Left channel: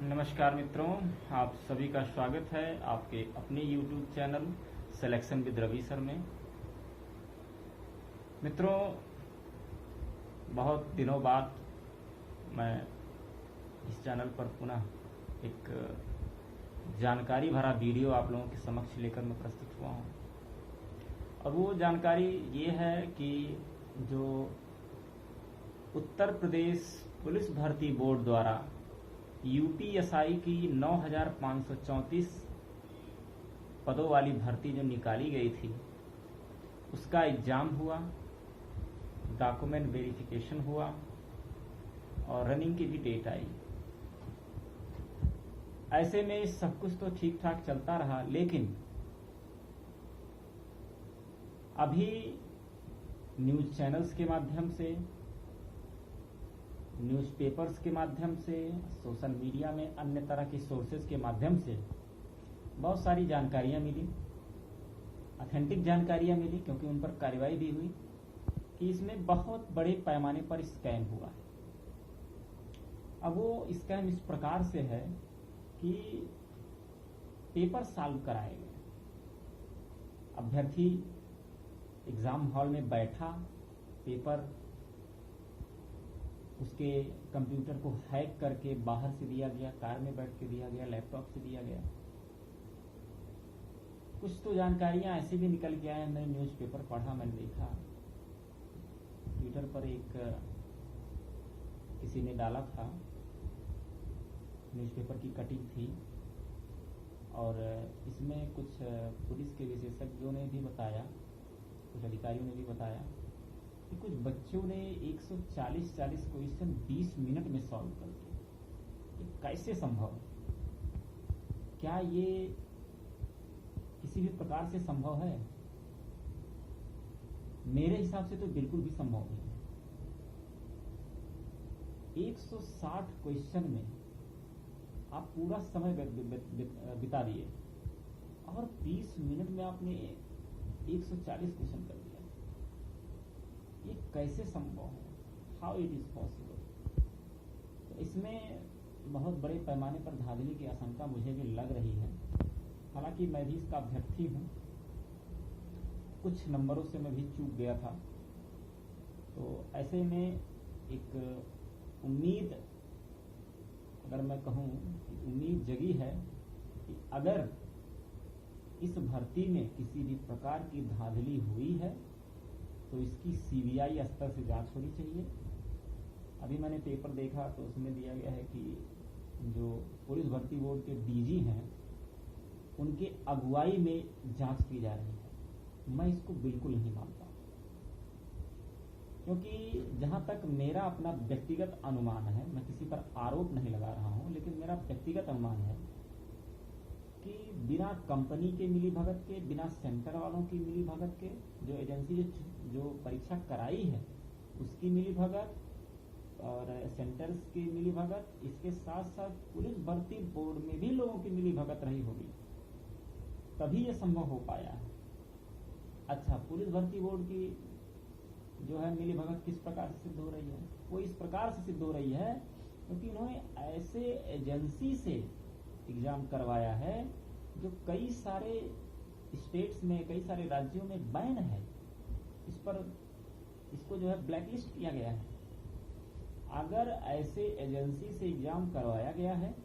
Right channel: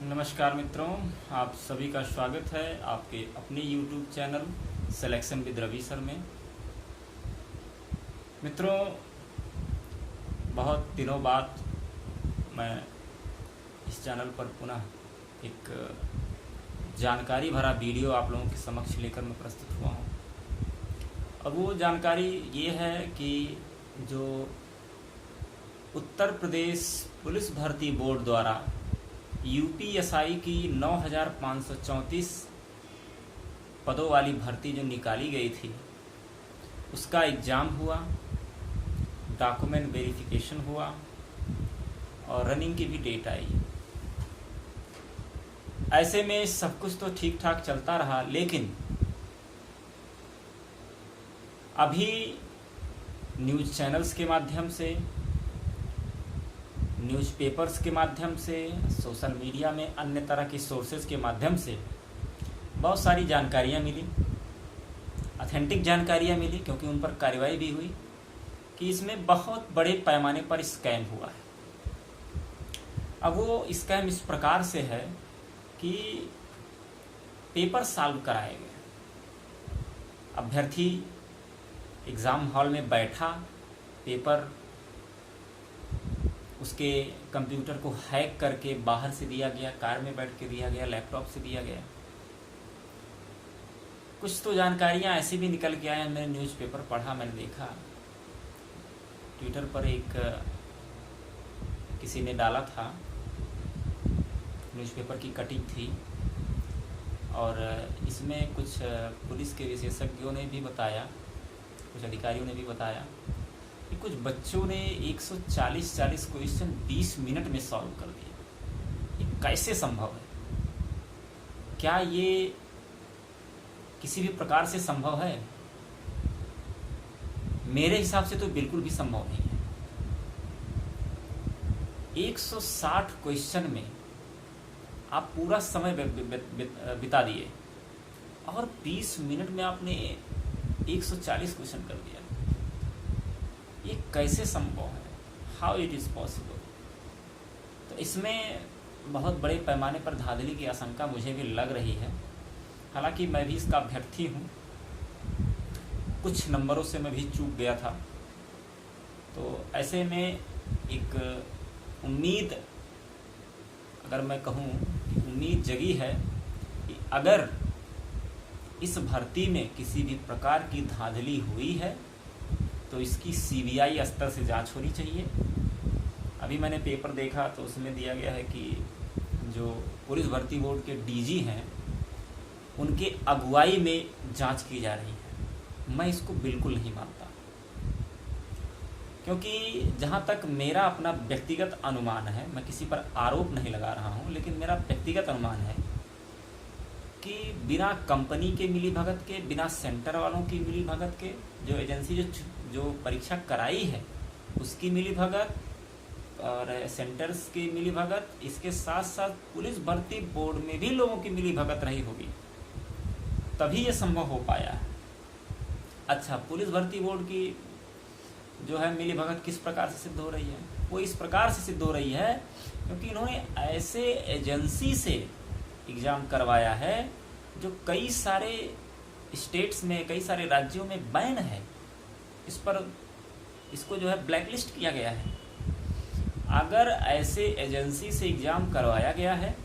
नमस्कार मित्रों, आप सभी का स्वागत है आपके अपने YouTube channel selection with Ravi sir में। मित्रों, बहुत दिनों बाद मैं इस चैनल पर पुनः एक जानकारी भरा वीडियो आप लोगों के समक्ष लेकर मैं प्रस्तुत हुआ हूँ। अब वो जानकारी ये है कि जो उत्तर प्रदेश पुलिस भर्ती बोर्ड द्वारा यूपीएसआई की 9,534 पदों वाली भर्ती जो निकाली गई थी, उसका एग्ज़ाम हुआ, डॉक्यूमेंट वेरिफिकेशन हुआ और रनिंग की भी डेट आई। ऐसे में सब कुछ तो ठीक ठाक चलता रहा, लेकिन अभी न्यूज़ चैनल्स के माध्यम से, न्यूज़पेपर्स के माध्यम से, सोशल मीडिया में अन्य तरह के सोर्सेज के माध्यम से बहुत सारी जानकारियाँ मिली, ऑथेंटिक जानकारियाँ मिली, क्योंकि उन पर कार्रवाई भी हुई कि इसमें बहुत बड़े पैमाने पर स्कैम हुआ है। अब वो स्कैम इस प्रकार से है कि पेपर सॉल्व कराए गए, अभ्यर्थी एग्ज़ाम हॉल में बैठा, पेपर उसके कंप्यूटर को हैक करके बाहर से दिया गया, कार में बैठ के दिया गया, लैपटॉप से दिया गया। कुछ तो जानकारियाँ ऐसी भी निकल के आए, मैंने न्यूज़पेपर पढ़ा, मैंने देखा, ट्विटर पर एक किसी ने डाला था, न्यूज़पेपर की कटिंग थी और इसमें कुछ पुलिस के विशेषज्ञों ने भी बताया, कुछ अधिकारियों ने भी बताया कि कुछ बच्चों ने 140 क्वेश्चन 20 मिनट में सॉल्व कर दिए। ये कैसे संभव है? क्या ये किसी भी प्रकार से संभव है? मेरे हिसाब से तो बिल्कुल भी संभव नहीं है। 160 क्वेश्चन में आप पूरा समय बिता दिए और 20 मिनट में आपने 140 क्वेश्चन कर दिया। ये कैसे संभव है? How it is possible? तो इसमें बहुत बड़े पैमाने पर धांधली की आशंका मुझे भी लग रही है। हालांकि मैं भी इसका अभ्यर्थी हूँ, कुछ नंबरों से मैं भी चूक गया था। तो ऐसे में एक उम्मीद, अगर मैं कहूँ कि उम्मीद जगी है कि अगर इस भर्ती में किसी भी प्रकार की धांधली हुई है तो इसकी सीबीआई स्तर से जांच होनी चाहिए। अभी मैंने पेपर देखा तो उसमें दिया गया है कि जो पुलिस भर्ती बोर्ड के डीजी हैं, उनके अगुवाई में जांच की जा रही है। मैं इसको बिल्कुल नहीं मानता, क्योंकि जहां तक मेरा अपना व्यक्तिगत अनुमान है, मैं किसी पर आरोप नहीं लगा रहा हूं, लेकिन मेरा व्यक्तिगत अनुमान है कि बिना कंपनी के मिलीभगत के, बिना सेंटर वालों की मिलीभगत के, जो एजेंसी जो परीक्षा कराई है उसकी मिलीभगत और सेंटर्स की मिलीभगत, इसके साथ साथ पुलिस भर्ती बोर्ड में भी लोगों की मिलीभगत रही होगी, तभी ये संभव हो पाया है। अच्छा, पुलिस भर्ती बोर्ड की जो है मिलीभगत किस प्रकार से सिद्ध हो रही है? वो इस प्रकार से सिद्ध हो रही है क्योंकि इन्होंने ऐसे एजेंसी से एग्ज़ाम करवाया है जो कई सारे स्टेट्स में, कई सारे राज्यों में बैन है। इसको जो है ब्लैकलिस्ट किया गया है। अगर ऐसे एजेंसी से एग्ज़ाम करवाया गया है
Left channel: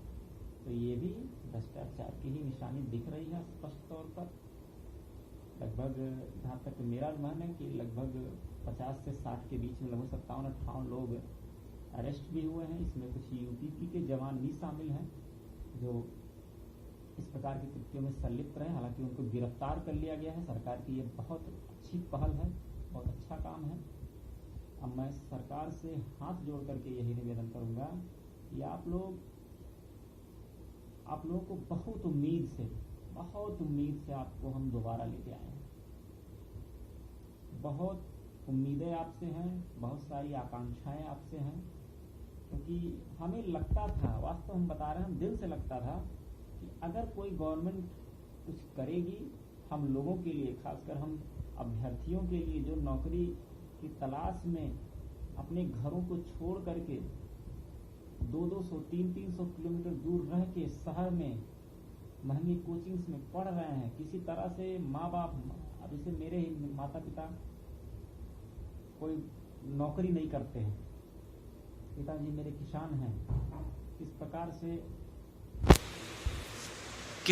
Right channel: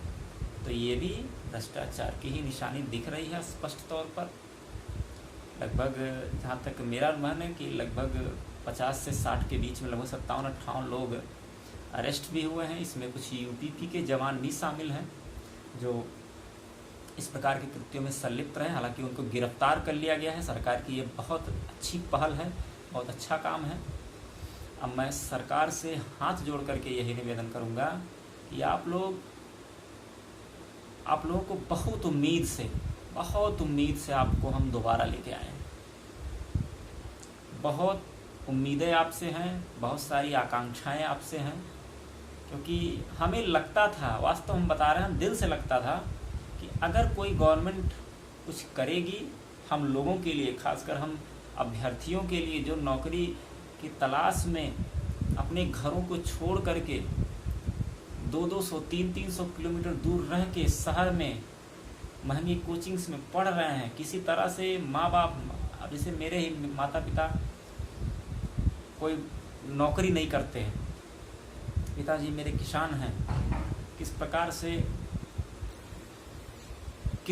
तो ये भी भ्रष्टाचार की ही निशानी दिख रही है स्पष्ट तौर पर। लगभग, जहाँ तक मेरा अनुमान है कि लगभग 50 से 60 के बीच में, लगभग 57-58 लोग अरेस्ट भी हुए हैं। इसमें कुछ यूपीपी के जवान भी शामिल हैं जो इस प्रकार के कृत्यों में संलिप्त रहे। हालांकि उनको गिरफ्तार कर लिया गया है। सरकार की ये बहुत अच्छी पहल है, बहुत अच्छा काम है। अब मैं सरकार से हाथ जोड़ करके यही निवेदन करूंगा कि आप लोगों को बहुत उम्मीद से आपको हम दोबारा लेके आए हैं। बहुत उम्मीदें आपसे हैं, बहुत सारी आकांक्षाएं आपसे हैं, क्योंकि हमें लगता था, वास्तव हम बता रहे हैं, हम दिल से लगता था कि अगर कोई गवर्नमेंट कुछ करेगी हम लोगों के लिए, खासकर हम अभ्यर्थियों के लिए जो नौकरी की तलाश में अपने घरों को छोड़ करके 200-200 300-300 किलोमीटर दूर रह के शहर में महंगी कोचिंग्स में पढ़ रहे हैं, किसी तरह से माँ बाप, अब जैसे मेरे ही माता पिता कोई नौकरी नहीं करते हैं, पिताजी मेरे किसान हैं, किस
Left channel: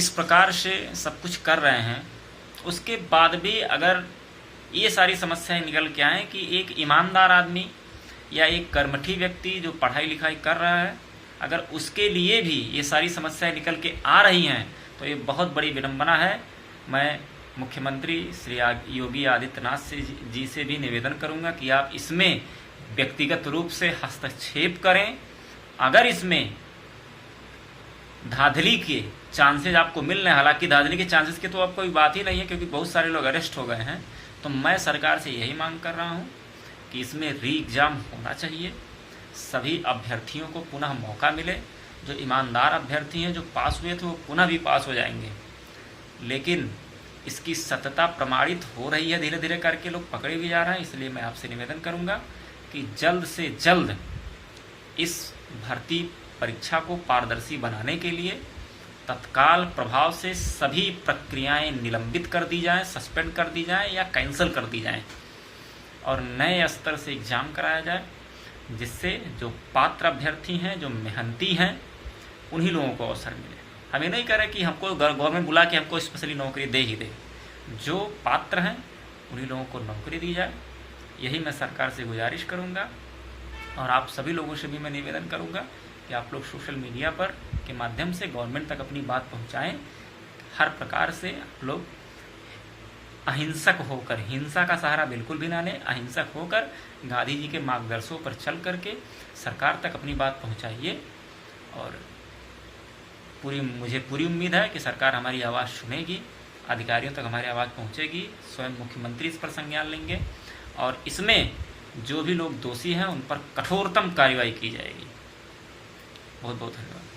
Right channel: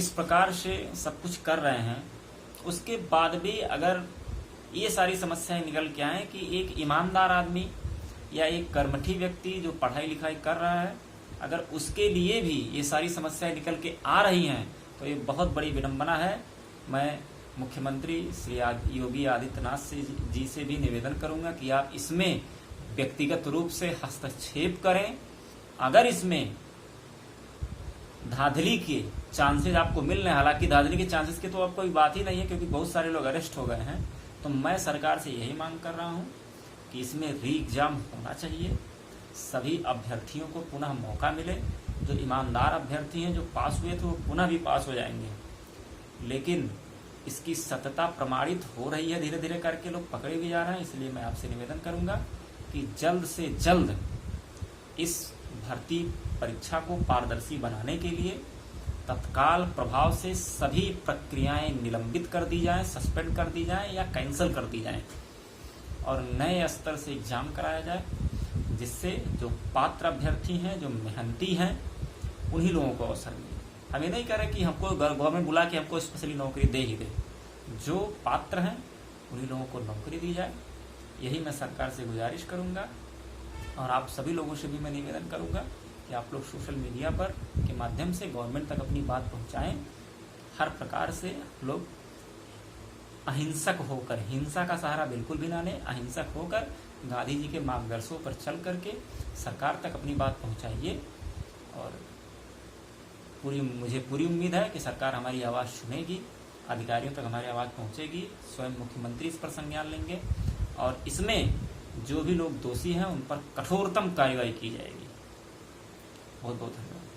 प्रकार से सब कुछ कर रहे हैं, उसके बाद भी अगर ये सारी समस्याएं निकल के आए कि एक ईमानदार आदमी या एक कर्मठी व्यक्ति जो पढ़ाई लिखाई कर रहा है, अगर उसके लिए भी ये सारी समस्याएं निकल के आ रही हैं तो ये बहुत बड़ी विडंबना है। मैं मुख्यमंत्री श्री योगी आदित्यनाथ जी से भी निवेदन करूंगा कि आप इसमें व्यक्तिगत रूप से हस्तक्षेप करें। अगर इसमें धांधली के चांसेस आपको मिल रहे हैं, हालांकि धांधली के चांसेस की तो अब कोई बात ही नहीं है क्योंकि बहुत सारे लोग अरेस्ट हो गए हैं, तो मैं सरकार से यही मांग कर रहा हूं कि इसमें री एग्जाम होना चाहिए, सभी अभ्यर्थियों को पुनः मौका मिले। जो ईमानदार अभ्यर्थी हैं जो पास हुए थे वो पुनः भी पास हो जाएंगे, लेकिन इसकी सत्यता प्रमाणित हो रही है, धीरे धीरे करके लोग पकड़े भी जा रहे हैं। इसलिए मैं आपसे निवेदन करूंगा कि जल्द से जल्द इस भर्ती परीक्षा को पारदर्शी बनाने के लिए तत्काल प्रभाव से सभी प्रक्रियाएं निलंबित कर दी जाएं, सस्पेंड कर दी जाएं या कैंसिल कर दी जाएं और नए स्तर से एग्जाम कराया जाए, जिससे जो पात्र अभ्यर्थी हैं, जो मेहनती हैं, उन्हीं लोगों को अवसर मिले। हम ये नहीं कह रहे कि हमको गवर्नमेंट बुला के हमको स्पेशली नौकरी दे ही दे, जो पात्र हैं उन्हीं लोगों को नौकरी दी जाए। यही मैं सरकार से गुजारिश करूंगा और आप सभी लोगों से भी मैं निवेदन करूंगा कि आप लोग सोशल मीडिया पर के माध्यम से गवर्नमेंट तक अपनी बात पहुंचाएं। हर प्रकार से आप लोग अहिंसक होकर, हिंसा का सहारा बिल्कुल भी ना लें, अहिंसक होकर गांधी जी के मार्गदर्शनों पर चल करके सरकार तक अपनी बात पहुंचाइए। और मुझे पूरी उम्मीद है कि सरकार हमारी आवाज़ सुनेगी, अधिकारियों तक हमारी आवाज़ पहुंचेगी, स्वयं मुख्यमंत्री इस पर संज्ञान लेंगे और इसमें जो भी लोग दोषी हैं उन पर कठोरतम कार्रवाई की जाएगी। बहुत बहुत धन्यवाद।